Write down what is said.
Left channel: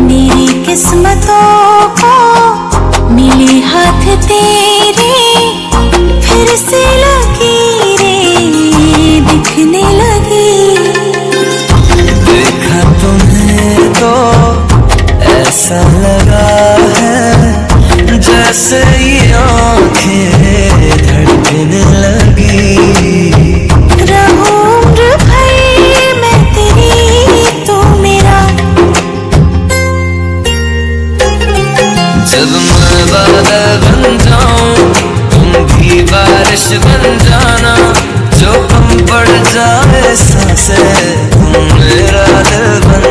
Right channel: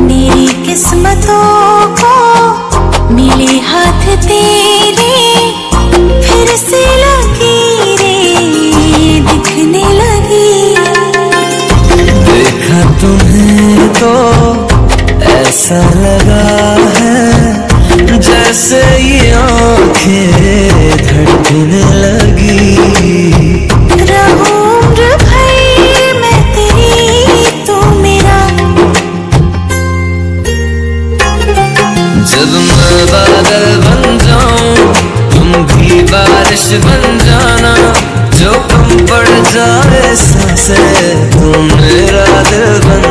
मेरी किस्मतों को मिले हाथ तेरे, फिर से लकीरें दिखने लगी। देखा तुम्हें तो ऐसा लगा है जैसे ये आंखें धड़कने लगी। रहूं उम्र भर मैं तेरी, तू मेरा। जब मैं बादल बन जाऊं तुम भी बारिश बन जाना, जो कम पड़ जाए सांसें तुम मेरा दिल बन